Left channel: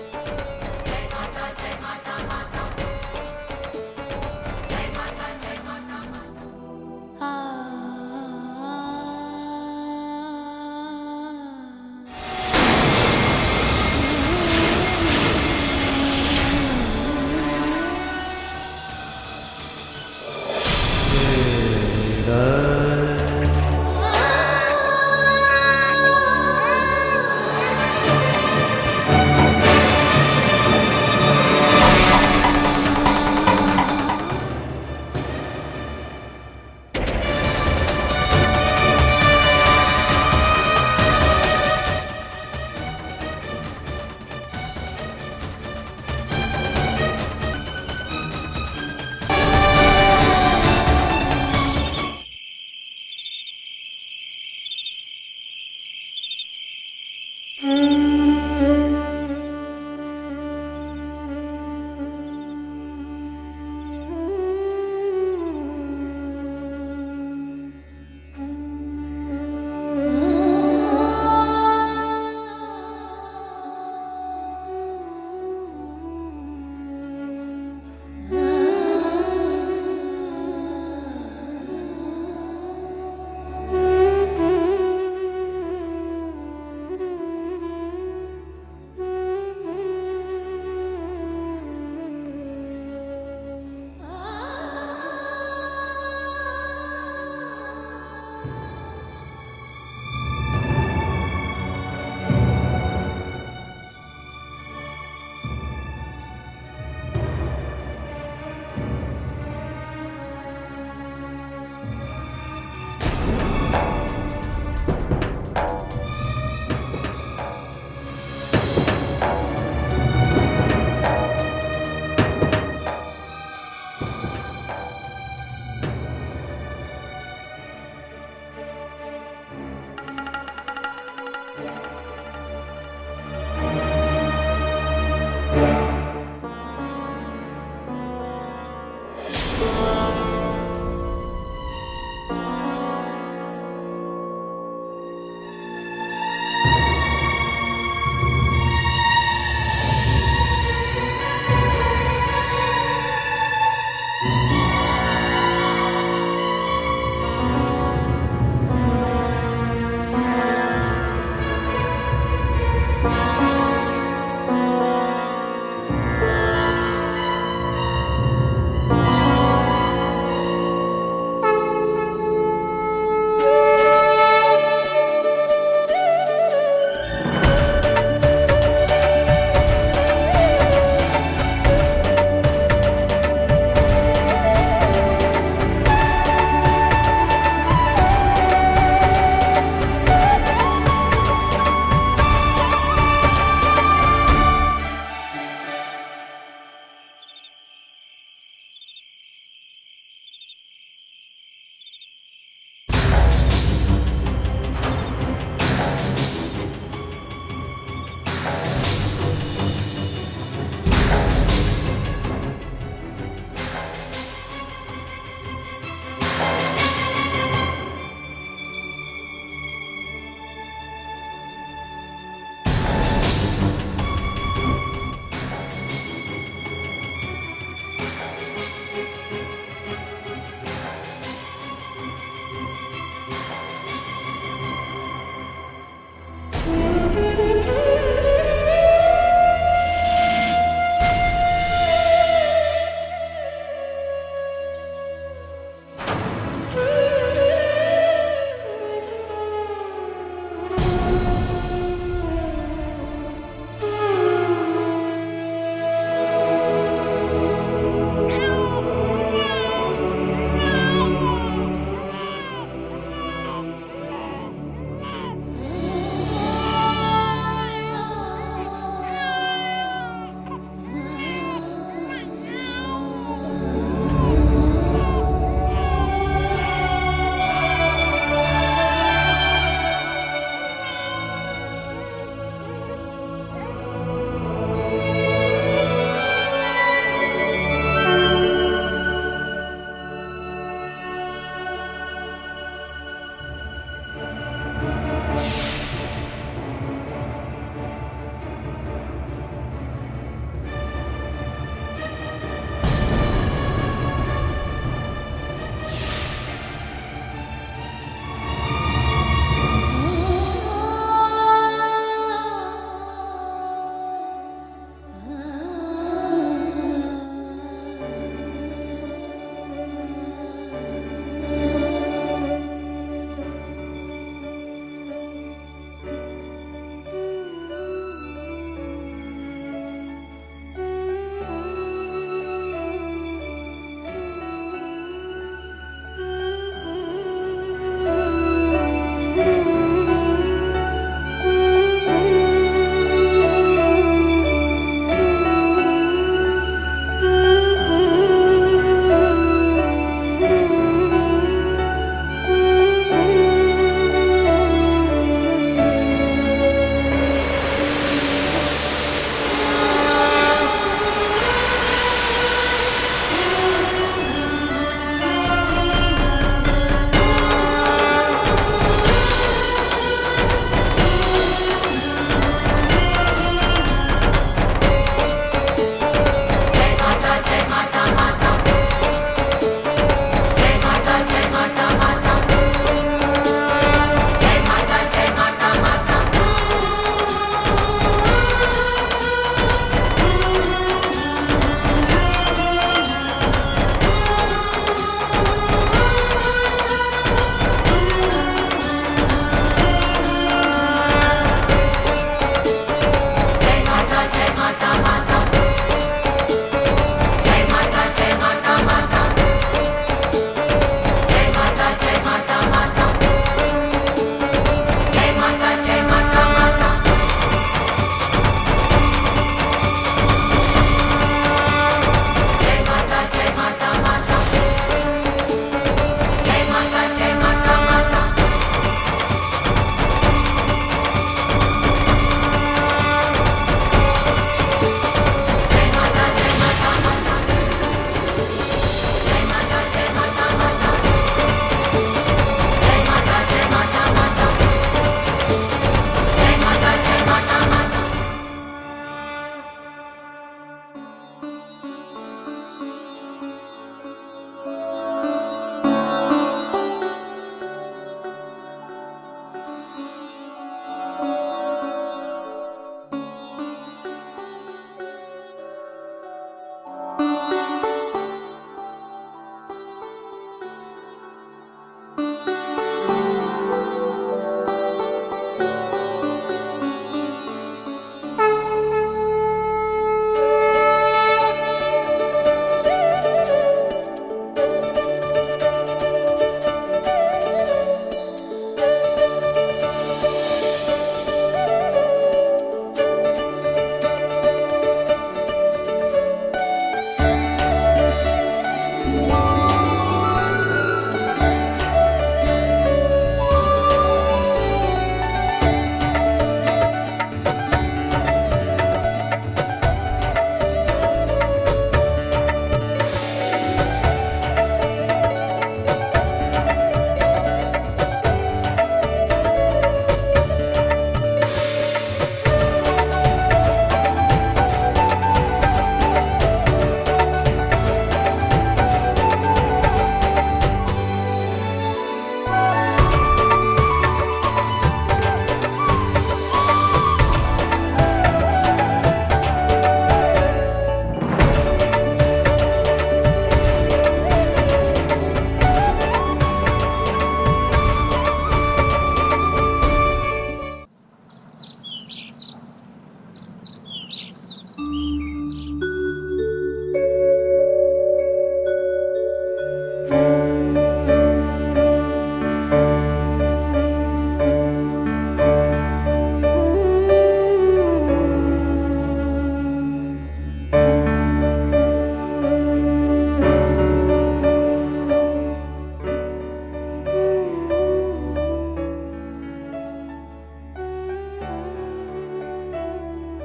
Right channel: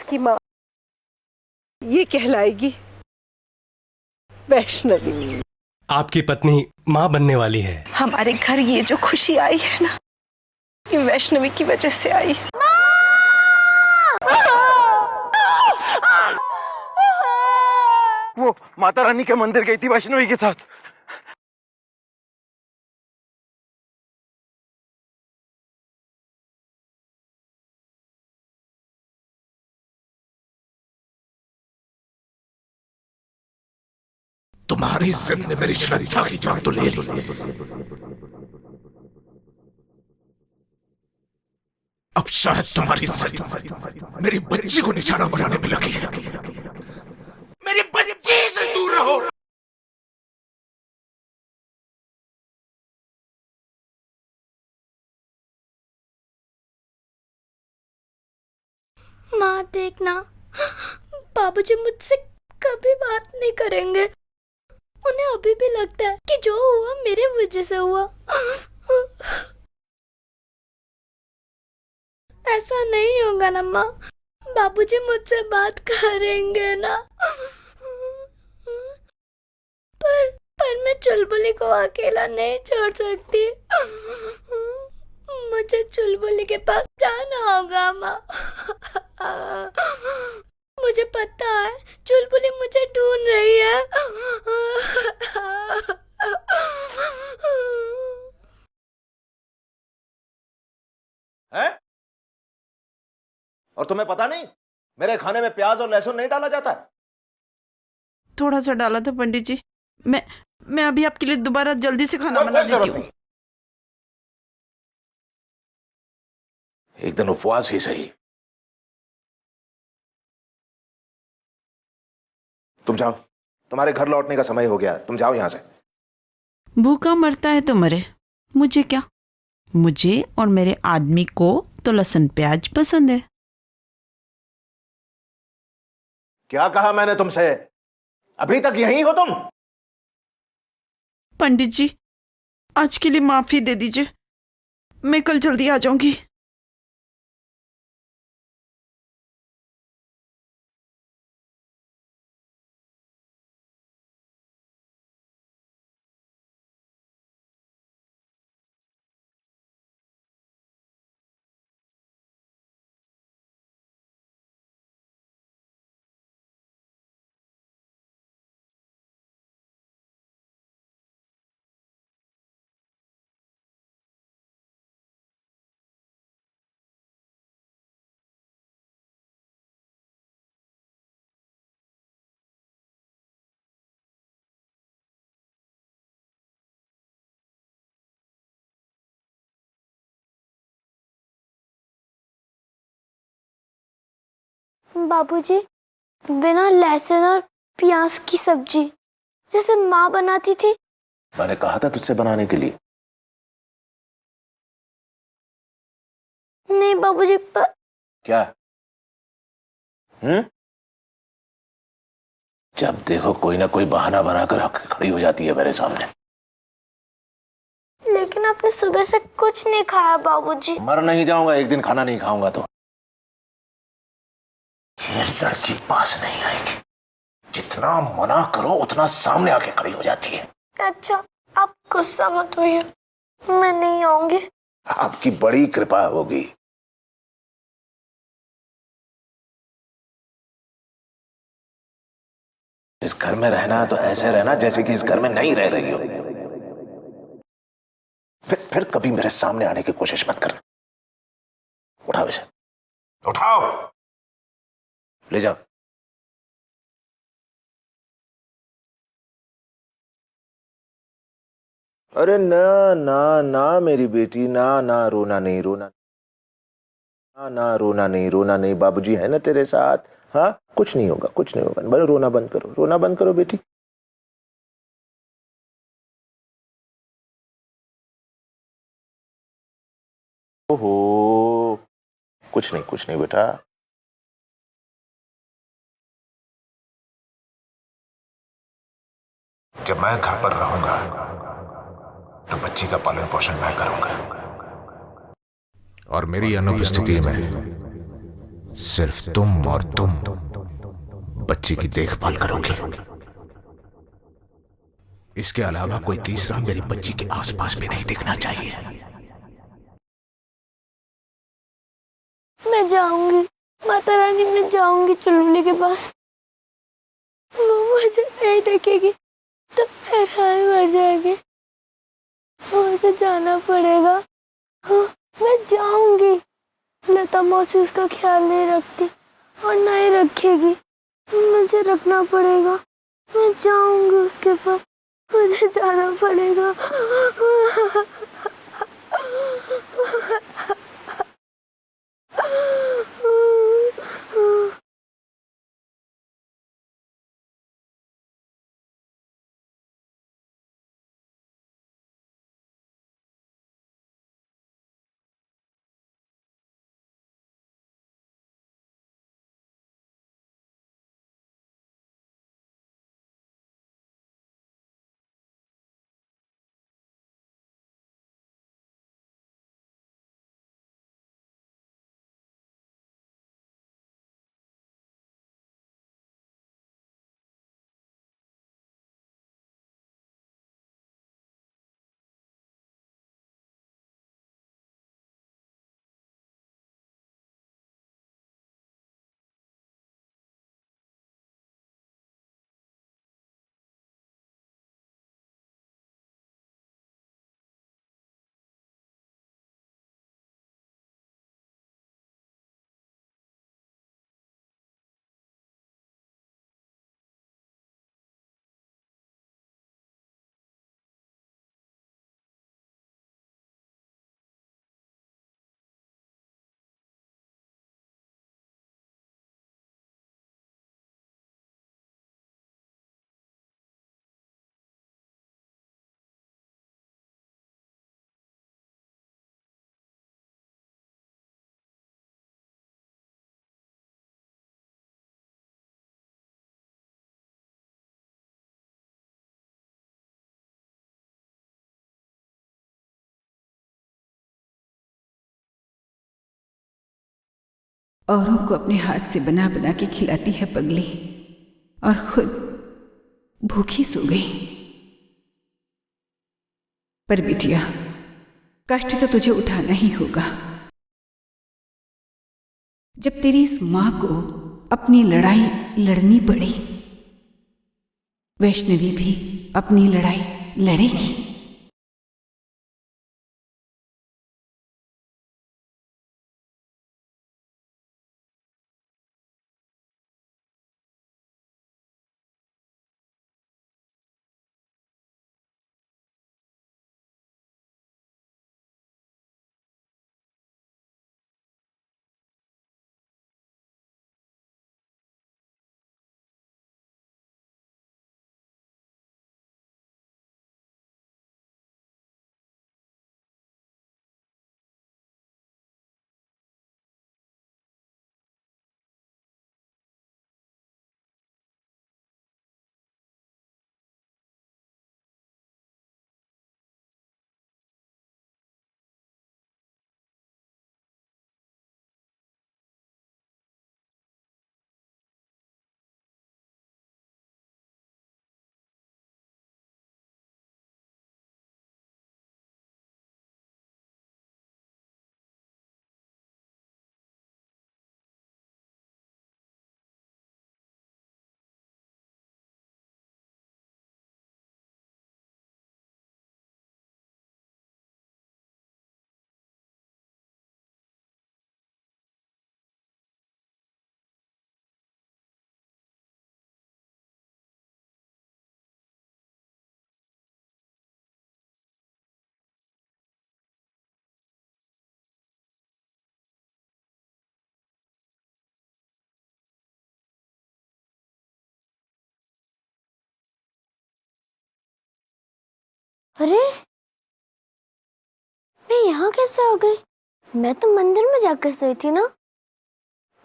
इसकी माँ, ये कहलाएगी वैष्णवी। आपकी पत्नी माँ बनने वाली है। हमारे घर ये जो खुशी आई है ना, ये वैष्णवी की वजह से आई। वो माता रानी के मंदिर गई थी वैष्णवी के साथ। तुम्हारी जिद ने मेरी श्रद्धा की जान तो ले ली। अब शायद तुम्हारी जिद मेरी बच्ची को निशाना बनाने में लगी है। मेरी बच्ची से दूर रहो। माँ देखना, बाबूजी मुझसे कभी बात नहीं करेंगे। उन्हें अभी भी लगता है कि जो हुआ मेरे वजह से हुआ। ऐसा नहीं होगा ना माँ, बाबूजी मुझसे बात करेंगे ना। पर मैं चुलबुली को अकेला नहीं छोड़ सकती। मुझे चुलबुली के पास जाना होगा माँ। मुझे पता है चुलबुली मुझे ढूंढ रही है। और तुम्हें पता नहीं मेरे खाने में प्याज और लहसुन नहीं डाला जाता है? थोड़ा सा डाला था पंडित जी। मैं अभी आपके लिए दोबारा जल्दी से खाना बना देती हूँ। एक दिन उपवास ही सही। तुम जाओ, तुम्हारे घर लौटने का समय हो गया। तुम जाओ यहाँ से। भूखा मरता है तो मरे, मुझे क्या। मुझे और मेरे आदमी को तो लहसुन प्याज पसंद है। क्या कहा मैंने तुमसे? अभी तक यहीं हो तुम? पंडित जी, आज के लिए माफी दे दीजिए। मैं कल जल्दी आ जाऊंगी। बाबूजी, बिना लहसुन और प्याज की सब्जी जैसे माँ बनाती थी। मैंने कहा था तुझसे बनाने के लिए। नहीं बाबूजी, क्या? जब देखो कोई ना कोई बहाना बनाकर खड़ी हो जाती है मेरे सामने। लेकिन आपने सुबह से कुछ नहीं खाया बाबूजी। मर नहीं जाऊंगा एक दिन खाना नहीं खाऊंगा तो। ये लड़की पास नहीं आएगी। जितना मना करो उतना सामने आके खड़ी हो जाती है। अच्छा, आप गुस्सा मत होइए, मैं नहीं आऊंगी। आपकी बड़ी कृपा होगी। इस घर में रहना तो ऐसे रहना जैसे कि इस घर में नहीं रह रही हो। फिर कभी मेरे सामने आने की कोशिश मत कर। उठाओ इसे, उठाओ, ले जाओ। अरे ना ना ना मेरी बेटी, ना ना, रोना नहीं, रोना ना, रोना नहीं, रोना नहीं। बाबूजी है ना तेरे साथ। हाँ, कुछ नहीं होगा, कुछ नहीं होगा। बस रोना बंद करो, रोना बंद करो बेटी। ओहो, कुछ नहीं बेटा। जब मैं घर पर रहूंगा तो बच्ची का पालन पोषण मैं करूंगा। और मेरी अनुपस्थिति में सिर्फ तुम और तुम बच्ची की देखभाल करोगी। इसके अलावा कोई तीसरा मेरी बच्ची के आसपास भी नहीं दिखना चाहिए। मैं जाऊंगी माता रानी, मैं जाऊंगी चुलबुली के पास। वो मुझे नहीं देखेगी तो हैरान मर जाएगी। मुझे जाना पड़ेगा। हाँ, मैं जाऊंगी। लता मौसी उसका ख्याल नहीं रखती और नहीं रखेगी। मुझे रखना पड़ेगा। मैं जाऊंगी उसके पास, मुझे जाना पड़ेगा। औरों को अपने हाथ से बना बना के खिलाती है पगली, और खुद भूखी सो गई। पर बिटिया, कष्ट तो तुझे उठाना ही होगा। जब तेरी इस माँ को अपनी लड़ाई लड़नी पड़ी, वैष्णवी भी अपनी लड़ाई लड़ेगी। कैसे हो गई? मैं तो मंदिर में जाकर सोई थी ना।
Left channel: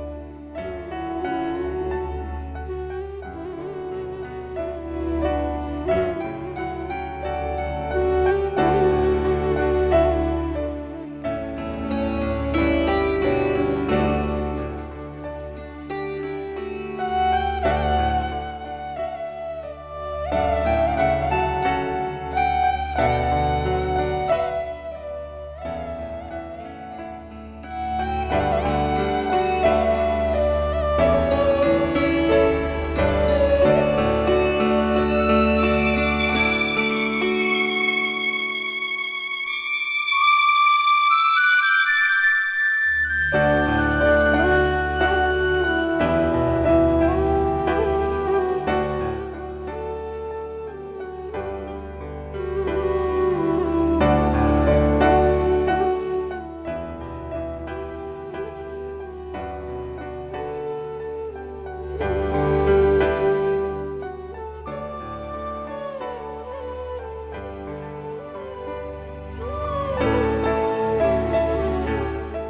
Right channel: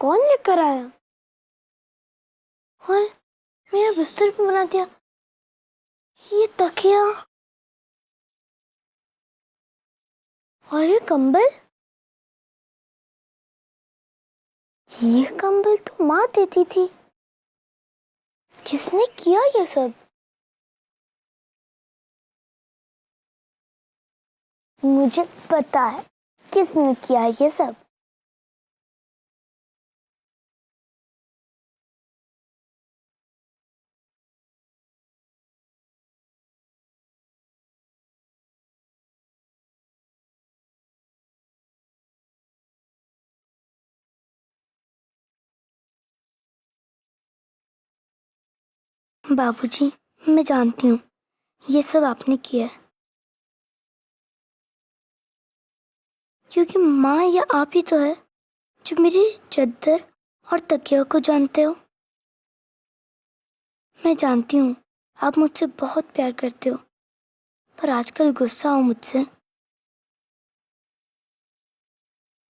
कौन लेकर आया? और मेरा बिस्तर भी बना दिया। ये तकिया और ये कंबल, ये कंबल तो माँ देती थी। किसने किया ये सब? मुझे पता है किसने किया ये सब। बाबूजी, मैं जानती हूँ ये सब आपने किया है, क्योंकि माँ या आप ही तो है जो मेरी चद्दर और तकिया को जानते हो। मैं जानती हूँ आप मुझसे बहुत प्यार करते हो, पर आजकल गुस्सा हो मुझसे।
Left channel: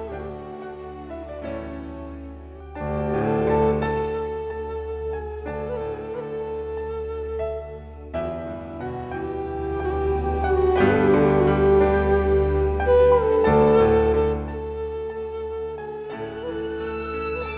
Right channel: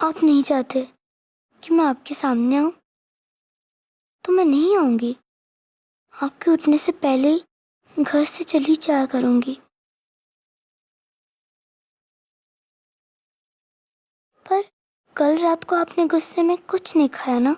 आप नहीं चाहते कि मैं आपके सामने आऊँ, तो मैं नहीं आऊंगी। आपके उठने से पहले ही घर से चली जाया करूंगी। पर कल रात को आपने गुस्से में कुछ नहीं खाया ना?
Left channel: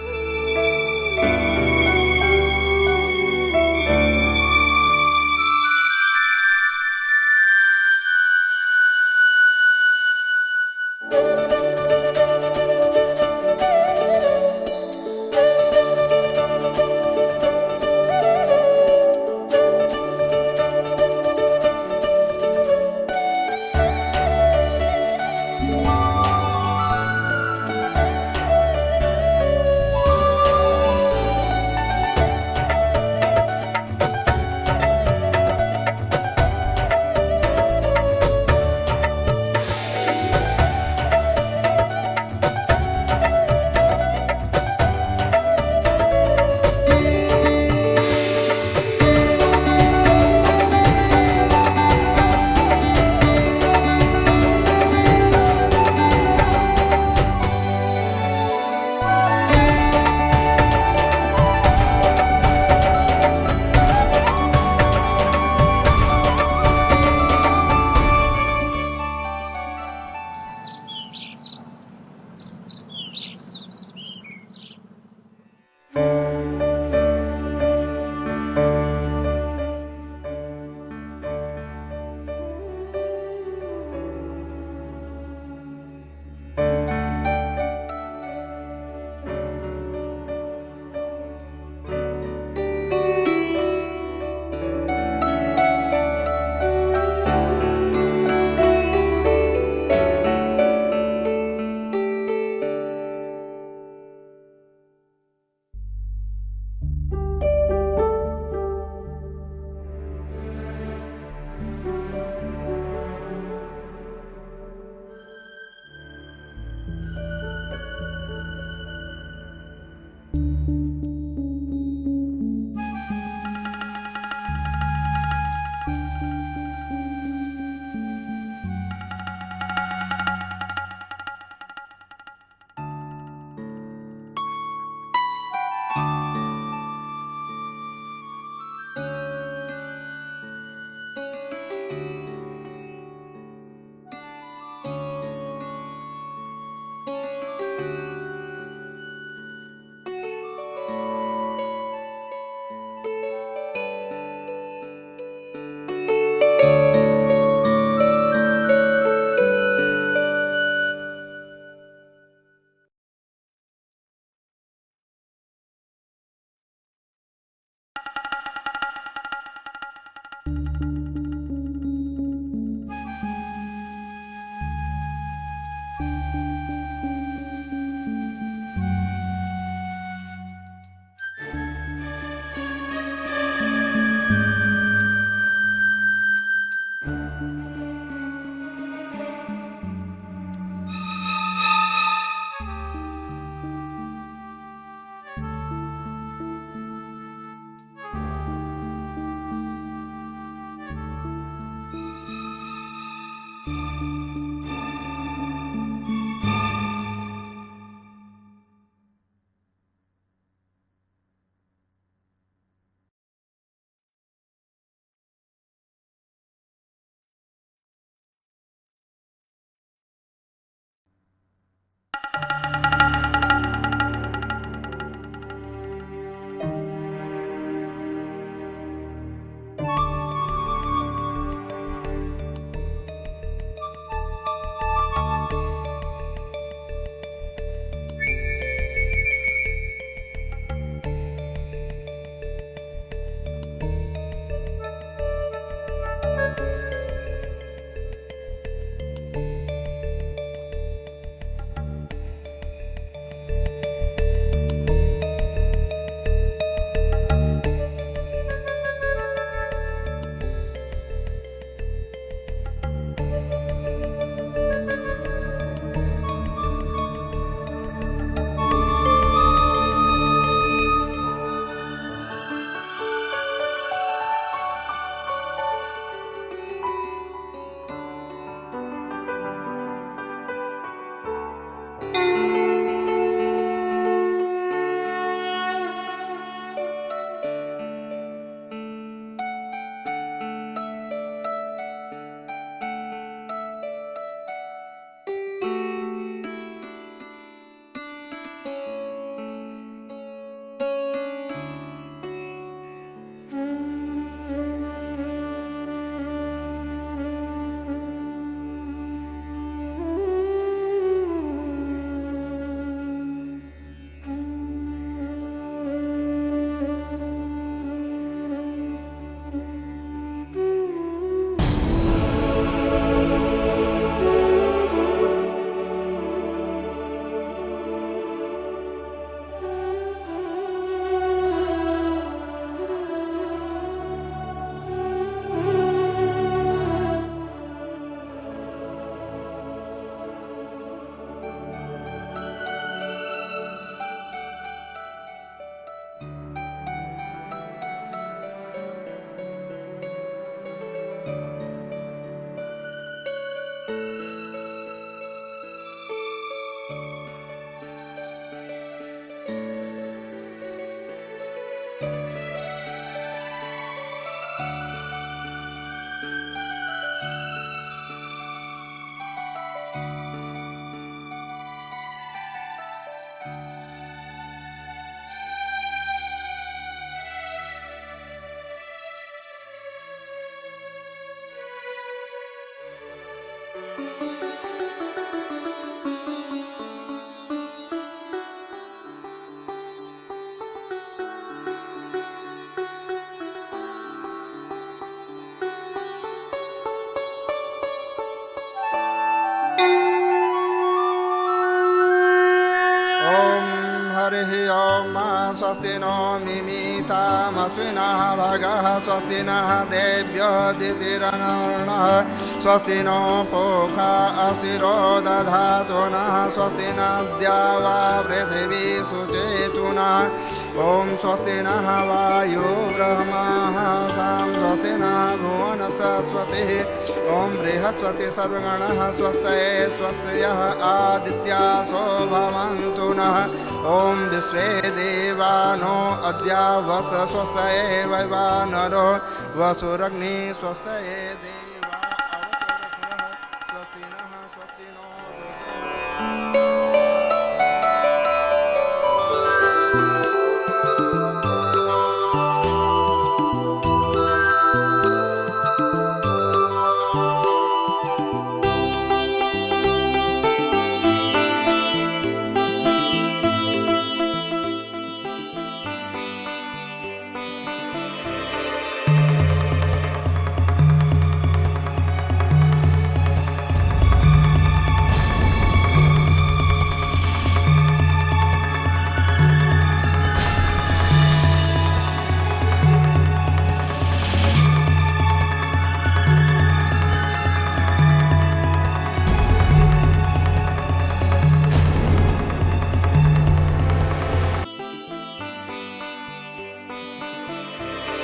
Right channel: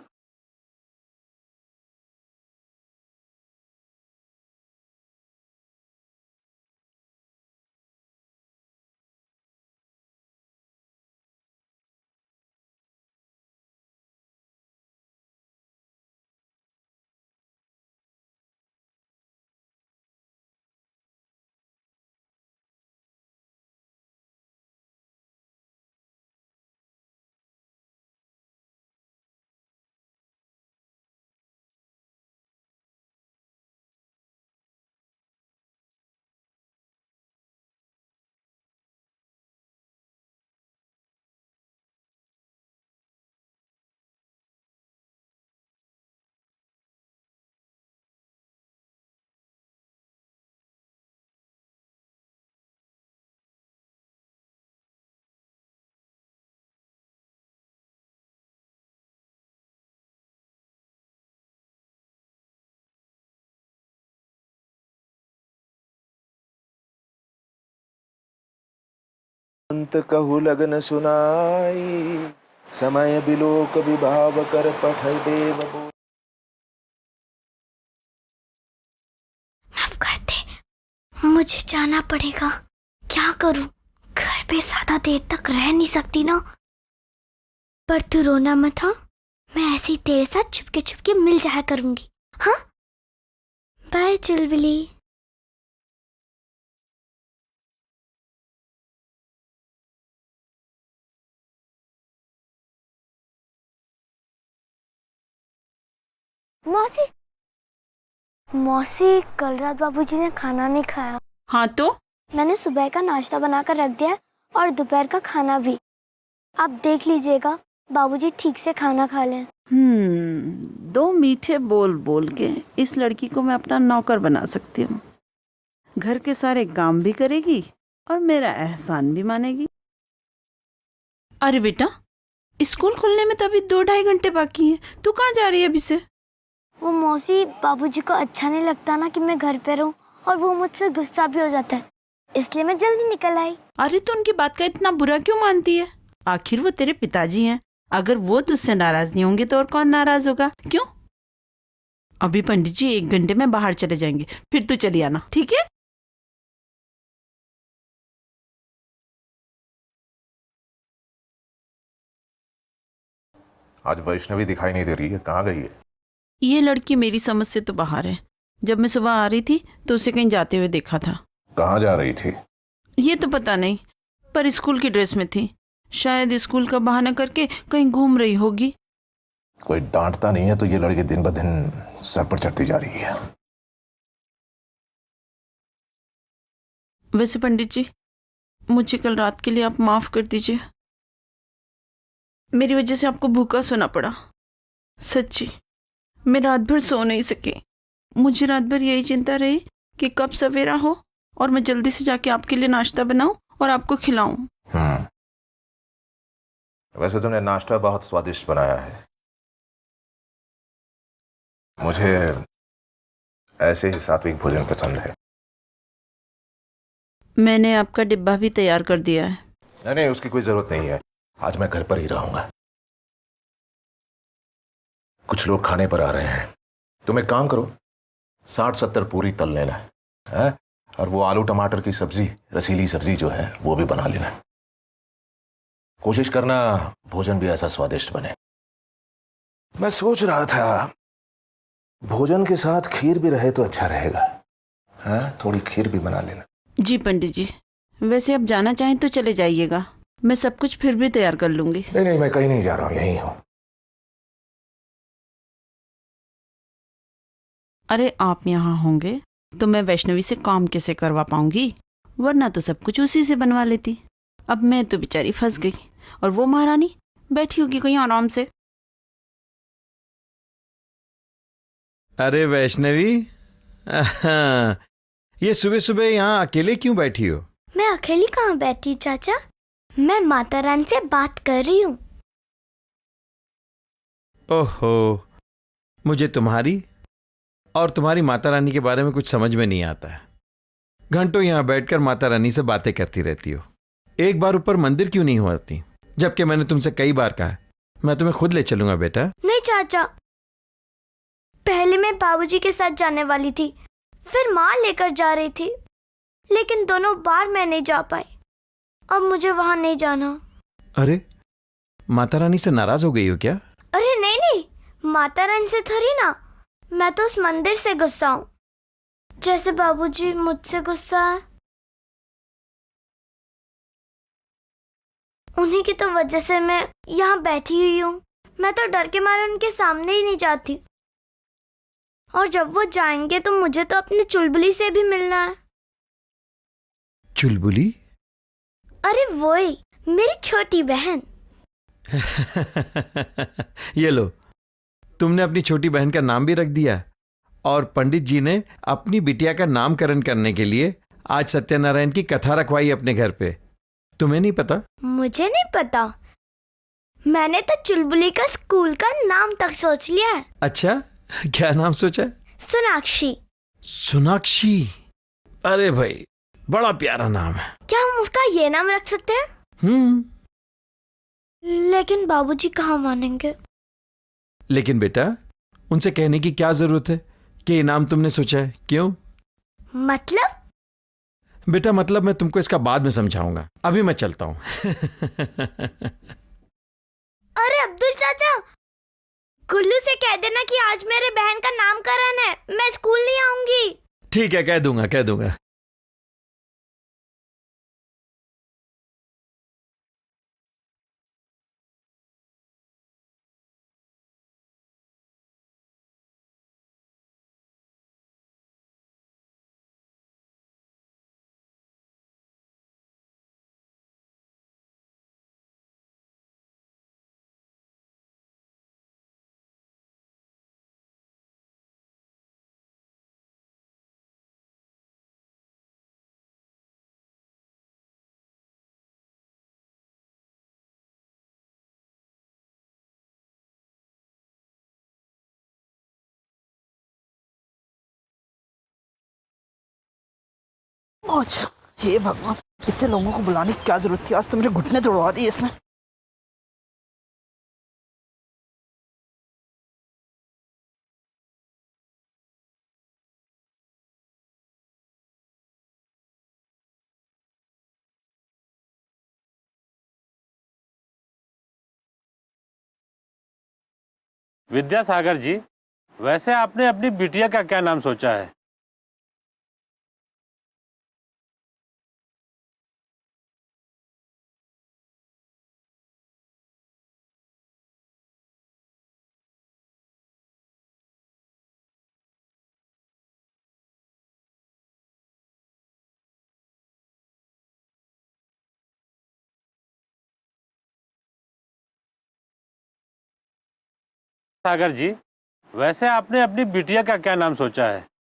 कहु लगन सुनाई, समय बिलोक विभाव कर पठै देव बोल। माफ कर दे, मुझे जाना पड़ेगा। क्या करूं? घर पे ज्यादा देर तक रह नहीं सकती ना। पर तू रोना मत, हाँ? मैं ऐसे ही तेरे साथ छुपके छुपके मिल जाया करूंगी। हाँ, बाय चुलबुली। मौसी, मौसी, कल रात बाबूजी ने खाना नहीं खाया। हाँ तो? मैंने सुबह का नाश्ता बनाकर रख दिया और दोपहर का खाना भी। आप देख लीजिएगा बाबूजी ठीक से खाना खा लें। दो मीठे बोल बोल के इस लड़की को मैं अपना नौकर बना सकती हूँ। घर के सारे काम भी करेगी और मेरा एहसान भी मानेगी। अरे बेटा, स्कूल खुलने में तो अभी 2-2.5 घंटे बाकी है। तू कहाँ जा रही है अभी से? वो मौसी, बाबूजी को अच्छा नहीं लगता ना कि मैं घर पे रहूं, और वो मुझसे गुस्सा भी हो जाता है, इसलिए मैं जल्दी निकल आई। अरे तो उनकी बात का इतना बुरा क्यों मानती है? आखिर वो तेरे पिताजी हैं। अगर वो तुझसे नाराज नहीं होंगे तो और कौन नाराज होगा? क्यों? अभी पंडित जी 1 घंटे में बाहर चले जाएंगे, फिर तू चली आना, ठीक है? आज वैष्णवी दिखाई नहीं दे रही है, कहाँ गई है? ये लड़की मेरी समझ से तो बाहर है। जब मैं सुबह आ रही थी तो उसे कहीं जाते हुए देखा था। कहाँ जा रही थी? ये तो पता नहीं, पर स्कूल की ड्रेस में थी। शायद स्कूल का बहाना करके कहीं घूम रही होगी। कोई डांटता नहीं है तो ये लड़की दिन ब दिन सर पर चढ़ती जा रही है। वैसे पंडित जी, मुझे कल रात के लिए आप माफ कर दीजिए। मेरी वजह से आपको भूखा सोना पड़ा। सच्ची, मैं रात भर सो नहीं सकी। मुझे रात भर यही चिंता रही कि कब सवेरा हो और मैं जल्दी से जाके आपके लिए नाश्ता बनाऊं और आपको खिलाऊं। वैसे तुमने नाश्ता बहुत स्वादिष्ट बनाया है। मुझे ऐसे ही सात्विक भोजन पसंद है। मैंने आपका डिब्बा भी तैयार कर दिया है। नहीं, उसकी कोई जरूरत नहीं है। आज मैं घर पर ही रहूंगा। कुछ लोग खाने पर आ रहे हैं। तुम एक काम करो, 60-70 पूरी तल लेना है और वो आलू टमाटर की सब्जी, रसीली सब्जी जो है वो भी बना लेना। कोशिश करना भोजन भी ऐसा स्वादिष्ट बने। मैं सोच रहा था भोजन के साथ खीर भी रहे तो अच्छा रहेगा। थोड़ी खीर भी बना लेना। जी पंडित जी, वैसे अब जाना चाहें तो चले जाइएगा, मैं सब कुछ फिर भी तैयार कर लूंगी। नहीं नहीं, मैं कहीं नहीं जा रहा हूँ, यहीं हूँ। अरे आप यहाँ होंगे तो मैं वैष्णवी से काम कैसे करवा पाऊंगी, वरना तो सब कुछ उसी से बनवा लेती। अब मैं तो बेचारी फंस गई और वो महारानी बैठी होगी कहीं आराम से। अरे वैष्णवी, ये सुबह सुबह यहाँ अकेले क्यों बैठी हो? मैं अकेली कहाँ बैठी चाचा, मैं माता रानी से बात कर रही हूँ। ओहो, मुझे तुम्हारी और तुम्हारी माता रानी के बारे में कुछ समझ में नहीं आता है। घंटों यहाँ बैठकर माता रानी से बातें करती रहती हो। एक बार ऊपर मंदिर क्यों नहीं हो आती? जबकि मैंने तुमसे कई बार कहा मैं तुम्हें खुद ले चलूंगा बेटा। नहीं चाचा, पहले मैं बाबूजी के साथ जाने वाली थी, फिर माँ लेकर जा रही थी, लेकिन दोनों बार मैं नहीं जा पाई। अब मुझे वहाँ नहीं जाना। अरे माता रानी से नाराज हो गई हो क्या? अरे नहीं नहीं, माता रानी से थोड़ी ना, मैं तो उस मंदिर से गुस्सा हूँ, जैसे बाबूजी मुझसे गुस्सा है। उन्हीं की तो वजह से मैं यहाँ बैठी हुई हूँ। मैं तो डर के मारे उनके सामने ही नहीं जाती, और जब वो जाएंगे तो मुझे तो अपनी चुलबुली से भी मिलना है। चुलबुली? अरे वही, मेरी छोटी बहन। ये लो, तुमने अपनी छोटी बहन का नाम भी रख दिया, और पंडित जी ने अपनी बिटिया का नामकरण करने के लिए आज सत्यनारायण की कथा रखवाई अपने घर पे। तुम्हें नहीं पता? मुझे नहीं पता, मैंने तो चुलबुली का स्कूल का नाम तक सोच लिया है। अच्छा, क्या नाम सोचा? सोनाक्षी। सोनाक्षी? अरे भाई, बड़ा प्यारा नाम है। क्या हम उसका ये नाम रख सकते हैं? लेकिन बाबूजी कहाँ मानेंगे? लेकिन बेटा, उनसे कहने की क्या जरूरत है कि ये नाम तुमने सोचा है? क्यों? मतलब? बेटा मतलब मैं तुमको इसका बाद में समझाऊंगा, अभी मैं चलता हूँ। अरे अब्दुल चाचा, गुल्लू से कह देना कि आज मेरे बहन का नामकरण है, मैं स्कूल नहीं आऊंगी। ठीक है, कह दूंगा कह दूंगा। स्वस्ति नो मिमितामस्विनः भगः स्वस्ति नः देव्यो दितिरनर्णः स्वस्ति नो पोखा असिरो दधातु नः स्वस्ति नद्या वा पृथिवी सुचेतुनः ॐ स्वस्ति नः वायु ब्रह्मः सां स्वस्ति नः भुवन सरस्वतिः ॐ बृहस्पति सर्वगणः स्वस्तये स्वस्तयः आदित्यासो भवन्तु नः ॐ विश्वे देवानो अद्या वस स्वस्तये वैवानरो वसुरग्नि स्वस्तये। अच्छा, ये भगवान, इतने लोगों को बुलाने की क्या जरूरत थी? आज तो मेरे घुटने तोड़वा दिए इसने। विद्यासागर जी, वैसे आपने अपनी बिटिया का क्या नाम सोचा है? सागर जी, वैसे आपने अपनी बिटिया का क्या नाम सोचा है?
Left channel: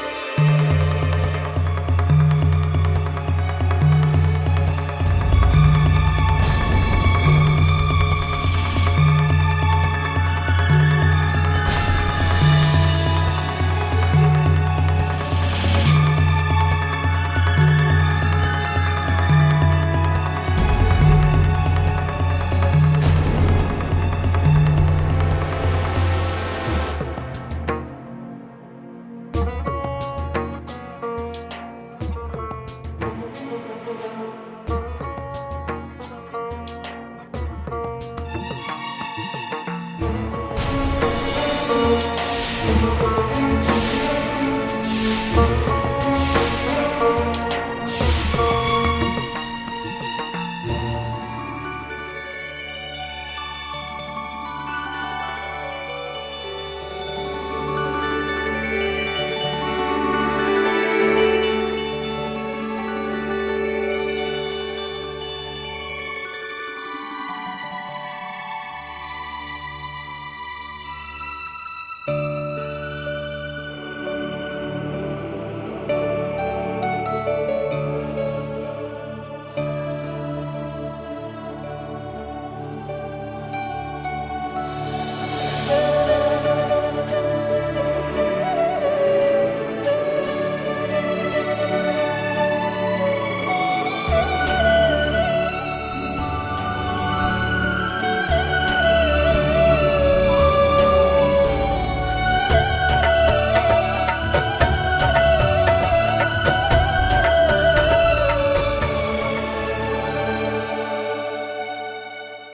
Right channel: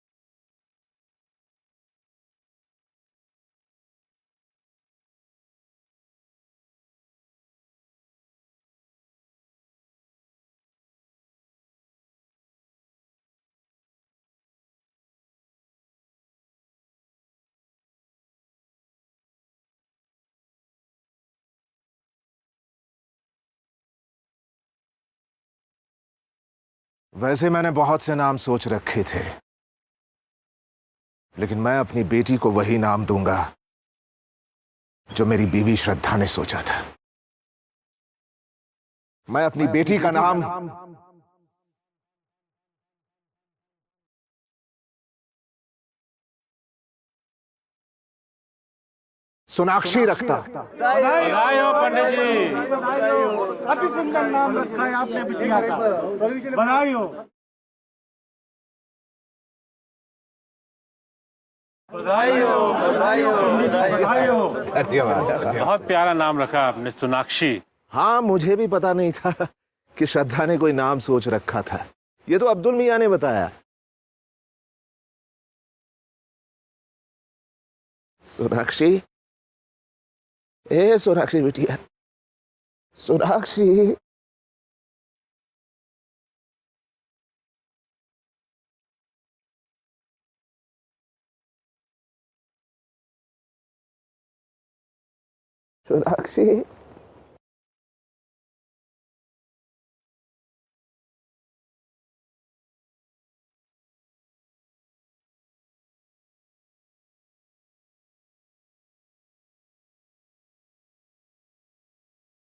वैसे मैंने बहुत से नाम सोच रखे थे, लेकिन मैं अपनी बेटी को वही नाम दूंगा जो मेरी बीवी श्रद्धा ने सोचा था। मैं अपनी बेटी का नाम सोनाक्षी रखता। बधाई हो पंडित जी। अति सुंदर नाम रखा है आपने बिटिया का। बधाई हो। बहुत प्यारा नाम रखा आपने, सोनाक्षी। हाँ, मुझे भी पता नहीं था कि श्रद्धा ने कोई नाम सोच रखा था। ये तो अब्दुल मियां ने बताया। सोनाक्षी, ए सोनाक्षी बिटिया, सोनाक्षी। सोनाक्षी।